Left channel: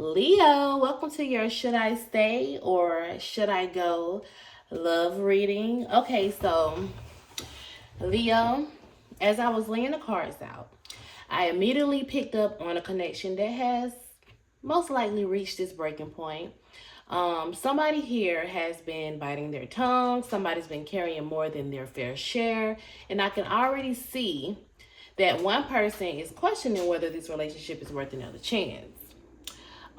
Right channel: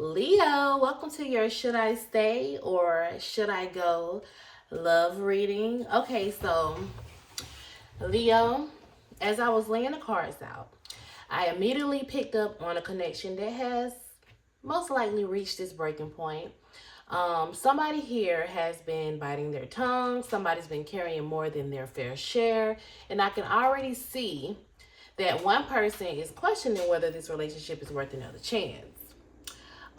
Leo, welcome to your Should I Stay or Should I Go love reading. Okay, so Leo, as I was laying the cards out, I immediately picked up on a connection that has most likely reached its breaking point. Somebody here has been biting their tongue, somebody's been carrying more than their fair share, and I can already see that one person is questioning whether this relationship is worth another chance.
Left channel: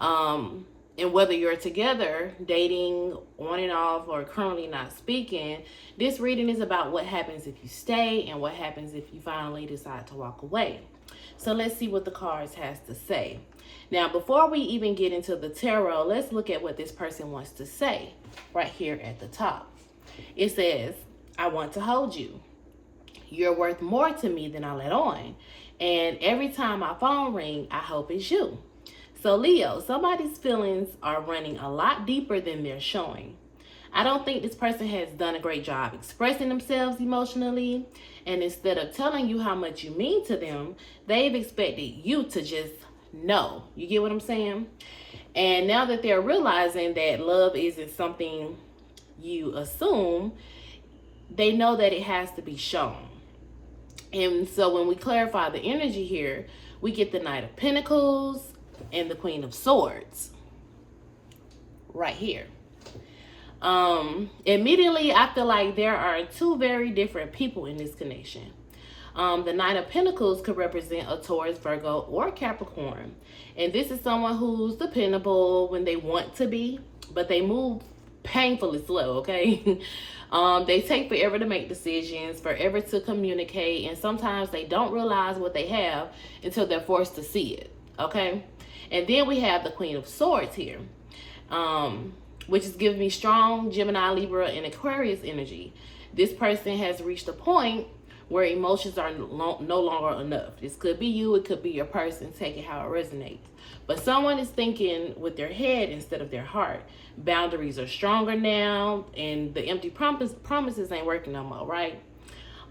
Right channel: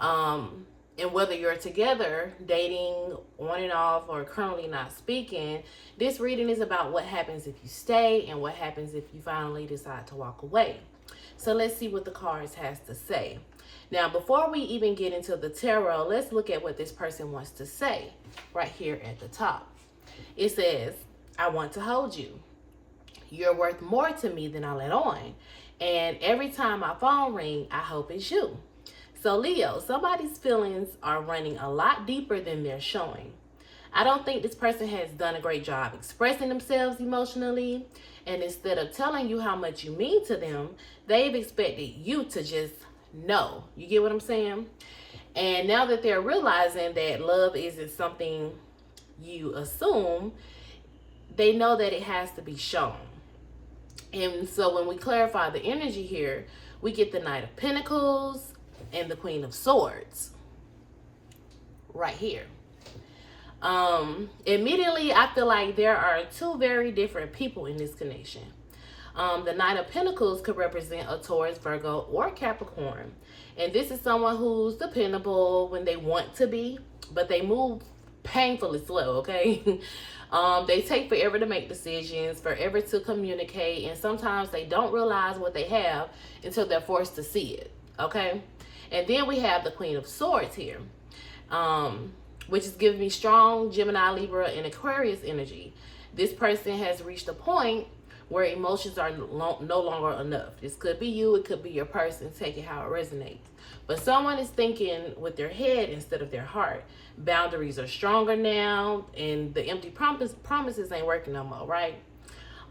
And whether you're together, dating, on and off, or currently not speaking, this reading is about what happens if you stay and what happens if you finally decide to walk away. So let's see what the cards has to say. Now, before we even get into the tarot, let's look at what this person wants to say right here at the top. It says, I want to hold you. You're worth more to me than I let on. And every time my phone rings, I hope it's you. So Leo, somebody's feelings are running a lot deeper than they're showing. I don't think this person has done a great job expressing themselves emotionally. And instead of telling you how much you mean to them, they've expected you to just know. You get what I'm saying? And now that they're realizing that love isn't something you assume, they know that it has to be shown. And so when we clarify the energy here, we get the Knight of Pentacles and the Queen of Swords right here. Immediately I feel like there are two very different people in this connection. The Knight of Pentacles could represent a Taurus, Virgo, or Capricorn. And this is someone who's dependable when they want to be, but they move painfully slow, okay? They take forever to make decisions, forever to communicate, and sometimes they don't realize what they have until they're forced to see it, okay? And then we have the Queen of Swords here, which is giving me strong Gemini, Libra, and Aquarius energy. This person has reached a point where emotions are no longer enough. This could be you, it could be your person, take it how it resonates. But someone is thinking with their head instead of their heart. Boundaries are stronger now, and the empty promises ain't working no more, right?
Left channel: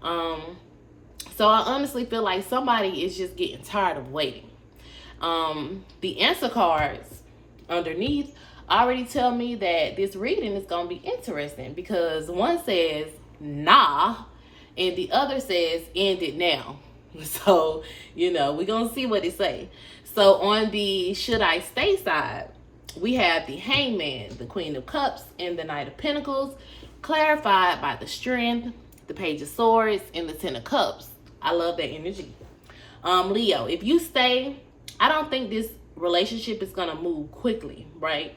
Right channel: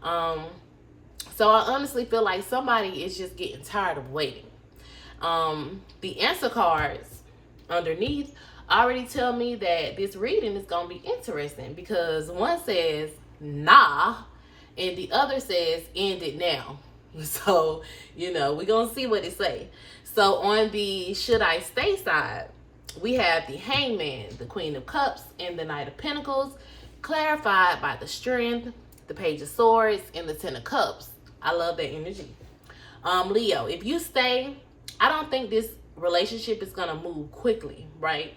So I honestly feel like somebody is just getting tired of waiting. The answer cards underneath already tell me that this reading is going to be interesting, because one says nah and the other says end it now. So, we're going to see what it say. So on the should I stay side, we have the Hangman, the Queen of Cups, and the Knight of Pentacles, clarified by the Strength, the Page of Swords, and the Ten of Cups. I love that energy. Leo, if you stay, I don't think this relationship is going to move quickly, right?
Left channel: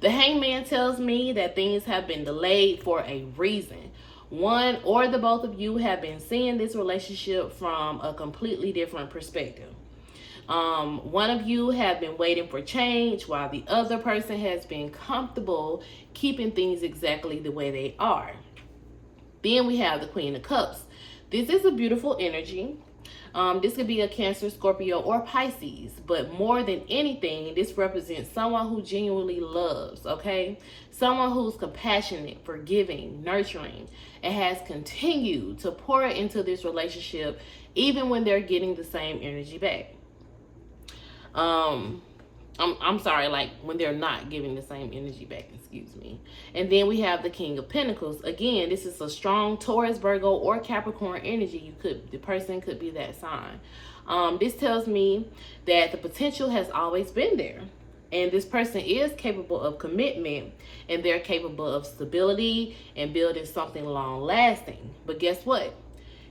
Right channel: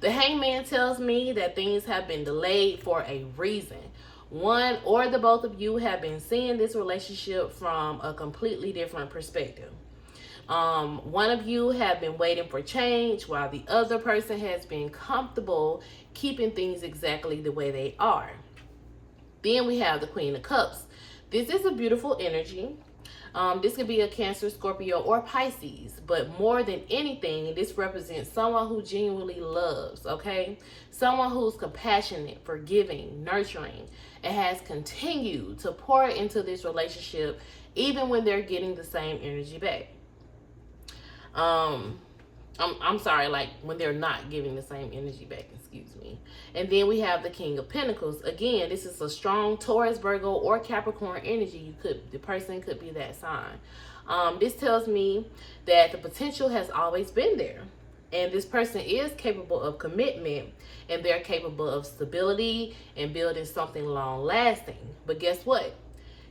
The Hangman tells me that things have been delayed for a reason. One or the both of you have been seeing this relationship from a completely different perspective. One of you have been waiting for change, while the other person has been comfortable keeping things exactly the way they are. Then we have the Queen of Cups. This is a beautiful energy. This could be a Cancer, Scorpio, or Pisces, but more than anything, this represents someone who genuinely loves, okay? Someone who's compassionate, forgiving, nurturing, and has continued to pour into this relationship even when they're getting the same energy back. I'm sorry, like when they're not giving the same energy back, excuse me. And then we have the King of Pentacles. Again, this is a strong Taurus, Virgo, or Capricorn energy. The person could be that sign. This tells me that the potential has always been there. And this person is capable of commitment, and they're capable of stability and building something long lasting. But guess what?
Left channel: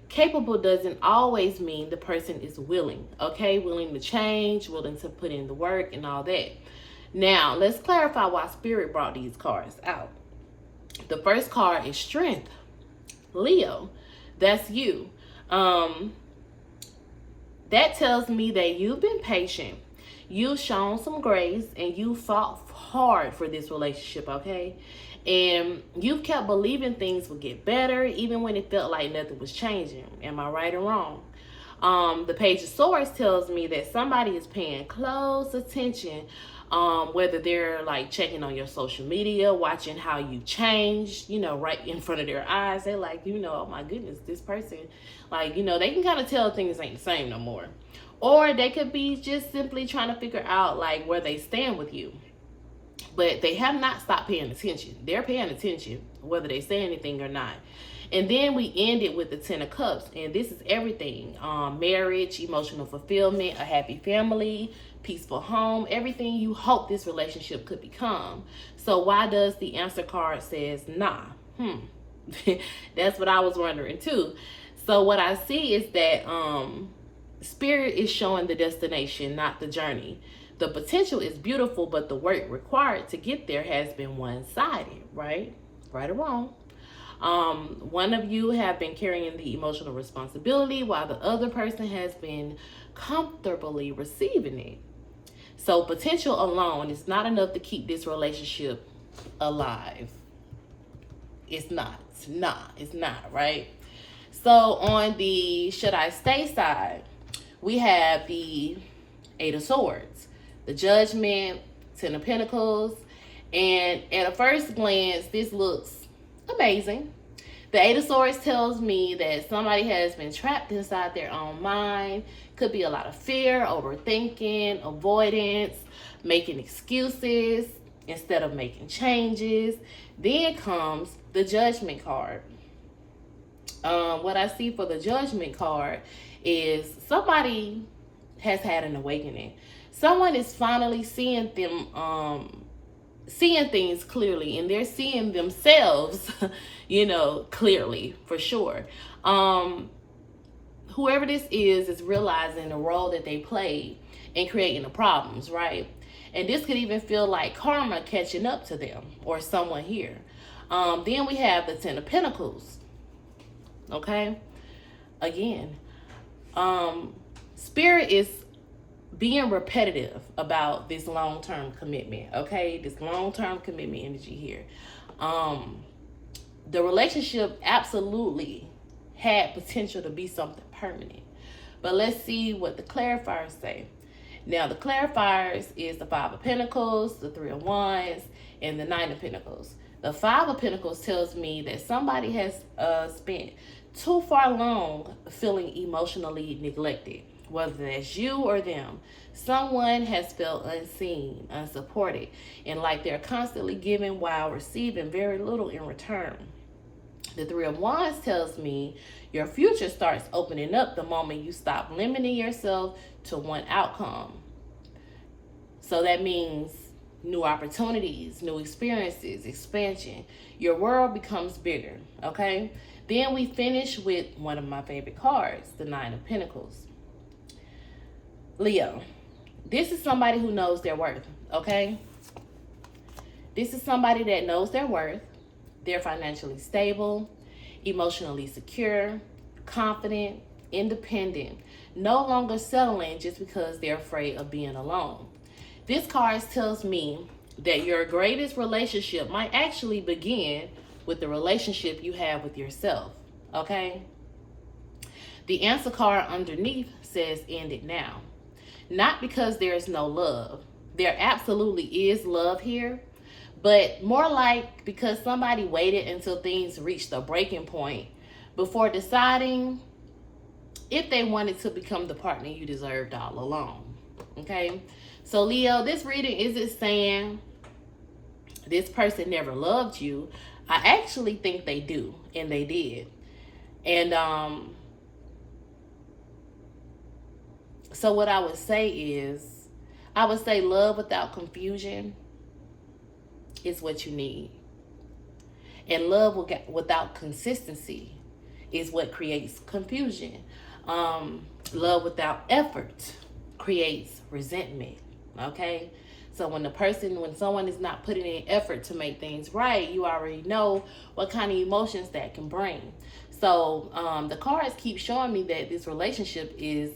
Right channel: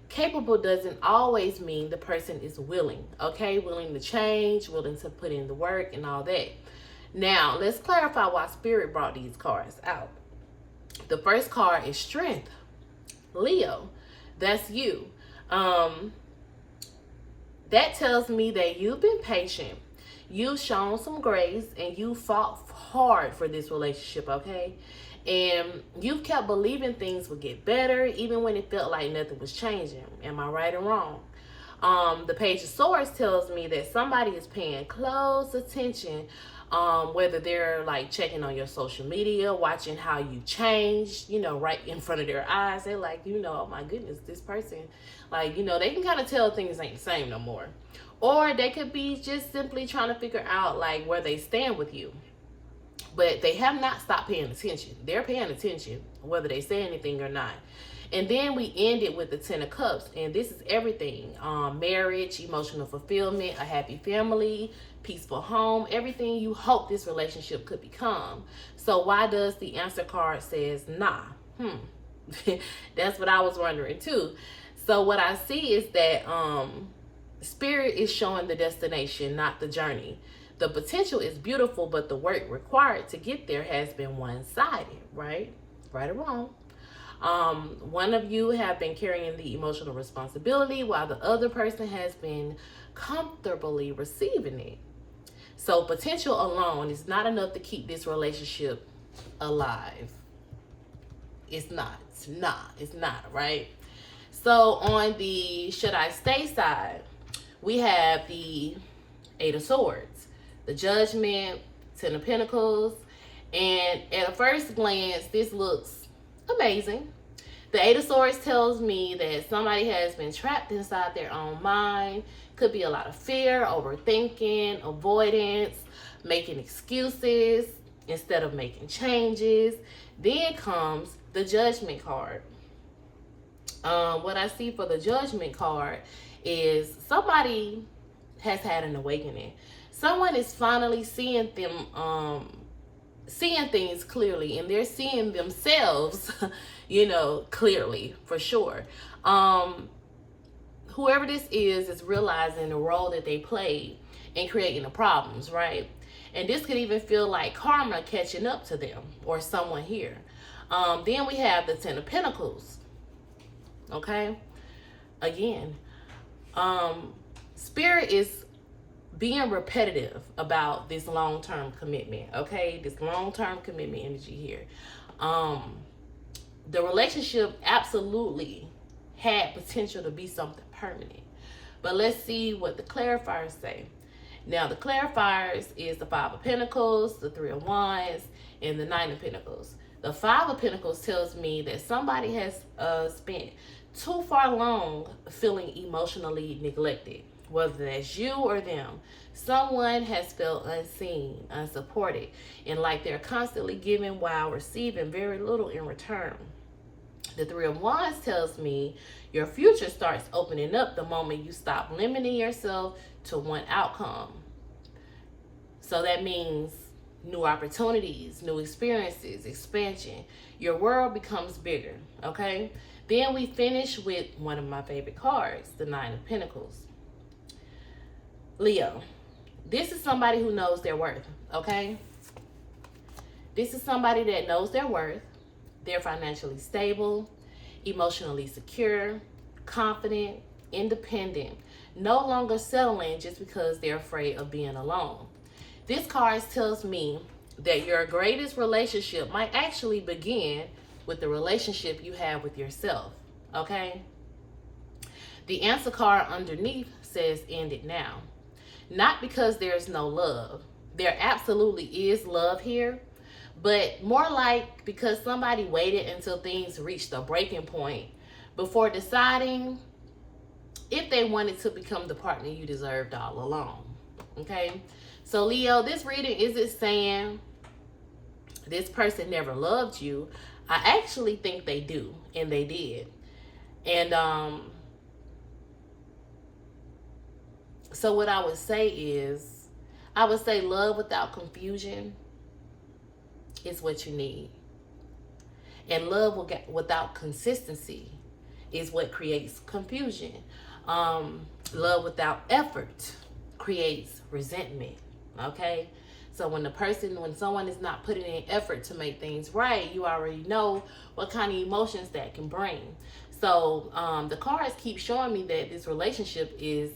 Capable doesn't always mean the person is willing, okay? Willing to change, willing to put in the work and all that. Now, let's clarify why Spirit brought these cards out. The first card is Strength. Leo, that's you. That tells me that you've been patient, you've shown some grace, and you fought hard for this relationship, okay? And you've kept believing things would get better even when it felt like nothing was changing. Am I right or wrong? The Page of Swords tells me that somebody is paying close attention, whether they're like checking on your social media, watching how you change, right in front of their eyes. They're like, oh my goodness, this person, like, they can kind of tell things ain't the same no more. Or they could be just simply trying to figure out like where they stand with you. But they have not stopped paying attention. They're paying attention whether they say anything or not. And then we end it with the 10 of Cups. And this is everything. Marriage, emotional fulfillment, a happy family, peaceful home, everything you hope this relationship could become. So why does the answer card says nah? That's what I was wondering too. So what I see is that Spirit is showing the destination, not the journey. The potential is beautiful, but the work required to get there has been one-sided, right? Right or wrong. One of you have been carrying the emotional responsibility while the other person has been comfortably receiving it. So potential alone is not enough to keep this relationship alive. It's not. It's not, right? So on the should I stay side, we have the 8 of Swords, the Judgment, 10 of Pentacles, and at a first glance, this looks amazing. The 8 of Swords tells me that somebody has been trapped inside their own mind. Could be a lot of fear, overthinking, avoidance, making excuses instead of making changes. Then comes the Judgment card. What I see for the Judgment card is somebody has had an awakening. Someone is finally seeing them, seeing things clearly, and they're seeing themselves, clearly, for sure. Whoever this is realizing the role that they played in creating the problems, right? And this could even feel like karma catching up to them or someone here. Then we have the 10 of Pentacles. Okay? Again, Spirit is being repetitive about this long-term commitment, okay? This long-term commitment energy here. The relationship absolutely had potential to be something permanent. But let's see what the clarifiers say. Now, the clarifiers is the 5 of Pentacles, the 3 of Wands, and the 9 of Pentacles. The 5 of Pentacles tells me that somebody has spent too far long feeling emotionally neglected. Whether that's you or them, someone has felt unseen, unsupported, and like they're constantly giving while receiving very little in return. The 3 of Wands tells me your future starts opening up the moment you stop limiting yourself to one outcome. So that means new opportunities, new experiences, expansion. Your world becomes bigger, okay? Then we finish with one of my favorite cards, the 9 of Pentacles. Leo, this is somebody who knows their worth, okay? This is somebody that knows their worth. They're financially stable, emotionally secure, confident, independent, no longer settling just because they're afraid of being alone. This card tells me that your greatest relationship might actually begin with the relationship you have with yourself, okay? The answer card underneath says end it now. Not because there is no love. There absolutely is love here, but more like because somebody waited until things reached a breaking point before deciding if they wanted to become the partner you deserved all along, okay? So Leo, this reading isn't saying this person never loved you. I actually think they do, and they did. And so what I would say is, I would say love without confusion is what you need. And love without consistency is what creates confusion. Love without effort creates resentment, okay? So when someone is not putting in effort to make things right, you already know what kind of emotions that can bring. So the cards keep showing me that this relationship is,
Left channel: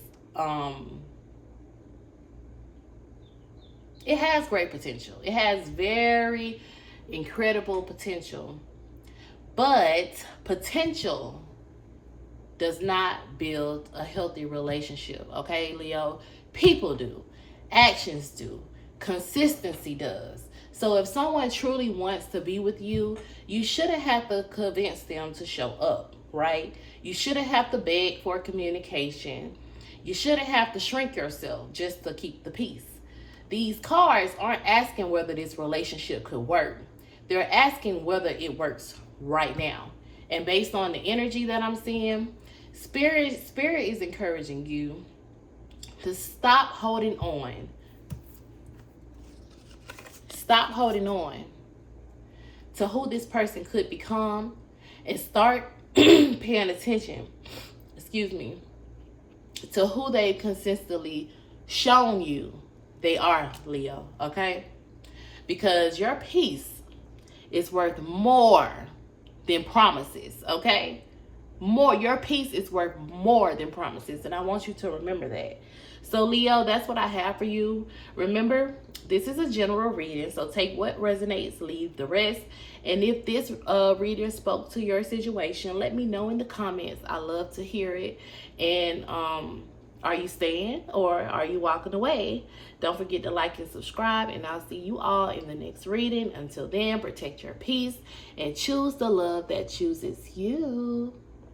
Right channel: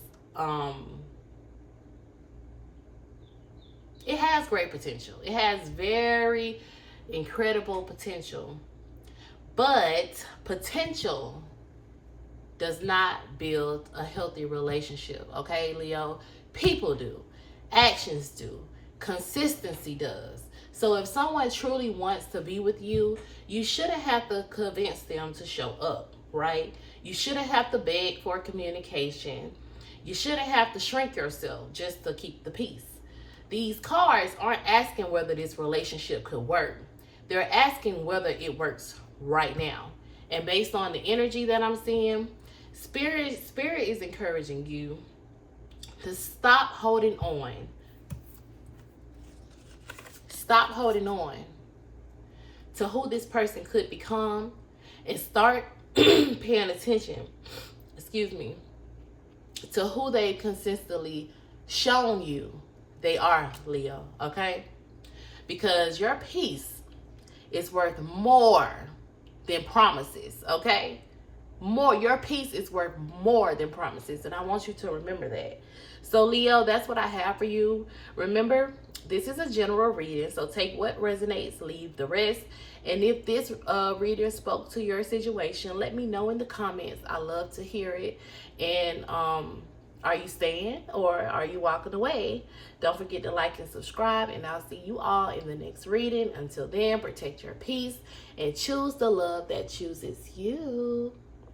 it has great potential. It has very incredible potential. But potential does not build a healthy relationship, okay, Leo? People do. Actions do. Consistency does. So if someone truly wants to be with you, you shouldn't have to convince them to show up, right? You shouldn't have to beg for communication. You shouldn't have to shrink yourself just to keep the peace. These cards aren't asking whether this relationship could work. They're asking whether it works right now. And based on the energy that I'm seeing, Spirit is encouraging you to stop holding on. Stop holding on to who this person could become and start paying attention, to who they consistently shown you they are, Leo, okay? Because your peace is worth more than promises, okay? Your peace is worth more than promises, and I want you to remember that. So Leo, that's what I have for you. Remember, this is a general reading, so take what resonates, leave the rest. And if this reader spoke to your situation, let me know in the comments. I love to hear it. And are you staying or are you walking away? Don't forget to like and subscribe, and I'll see you all in the next reading. Until then, protect your peace and choose the love that chooses you.